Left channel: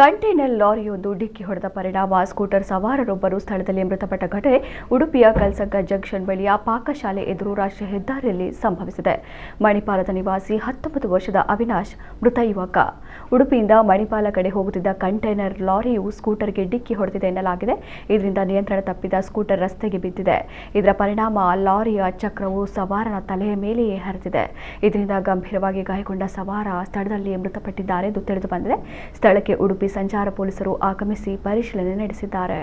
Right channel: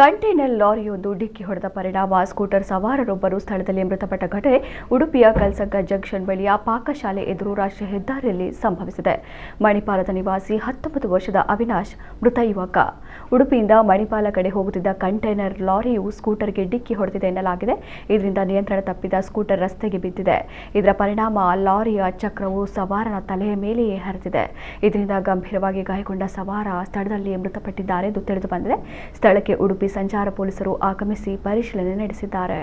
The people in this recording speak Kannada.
ಕಂಟೈನರ್ ಲಾರಿಯೊಂದು ಡಿಕ್ಕಿ ಹೊಡೆದ ಪರಿಣಾಮ ಸ್ಕೂಟರ್ ಸವಾರರೊಬ್ಬರು ಸ್ಥಳದಲ್ಲಿ ಮೃತಪಟ್ಟ ಘಟನೆ ಉಡುಪಿಯ ಕಲ್ಸಗ್ಗ ಜಂಕ್ಷನ್ ಬಳಿಯ ಪಾಕಶಾಲೆ ಎದುರು ರಾಷ್ಟ್ರೀಯ ಹೆದ್ದಾರಿಯಲ್ಲಿ ಸಂಭವಿಸಿದೆ. ಮಣಿಪಾಲದ ನಿವಾಸಿ 19 ವರ್ಷದ ಅವಿನಾಶ್ ಮೃತ ಯುವಕ. ಉಡುಪಿಯಿಂದ ಮಣಿಪಾಲ ಕಡೆ ಹೋಗುತ್ತಿದ್ದ ಕಂಟೈನರ್ ಲಾರಿಯು ಸ್ಕೂಟರ್ಗೆ ಡಿಕ್ಕಿ ಹೊಡೆದಿದೆ ಎನ್ನಲಾಗಿದೆ. ಇದರಿಂದ ನಿಯಂತ್ರಣ ತಪ್ಪಿದ ಸ್ಕೂಟರ್ ರಸ್ತೆಗೆ ಬಿದ್ದಿದೆ. ಇದರ ಪರಿಣಾಮ ಲಾರಿಯ ಚಕ್ರವು ಸವಾರನ ತಲೆಯ ಮೇಲೆಯೇ ಹರಿದಿದೆ. ಇದರಿಂದ ಗಂಭೀರವಾಗಿ ಗಾಯಗೊಂಡ ಸವಾರ ಸ್ಥಳದಲ್ಲಿ ಮೃತಪಟ್ಟಿದ್ದಾರೆ ಎಂದು ತಿಳಿದು ಬಂದಿದೆ. ಸ್ಥಳಕ್ಕೆ ಉಡುಪಿ ಸಂಚಾರ ಪೊಲೀಸರು ಆಗಮಿಸಿ ಪರಿಶೀಲನೆ ನಡೆಸಿದ್ದಾರೆ.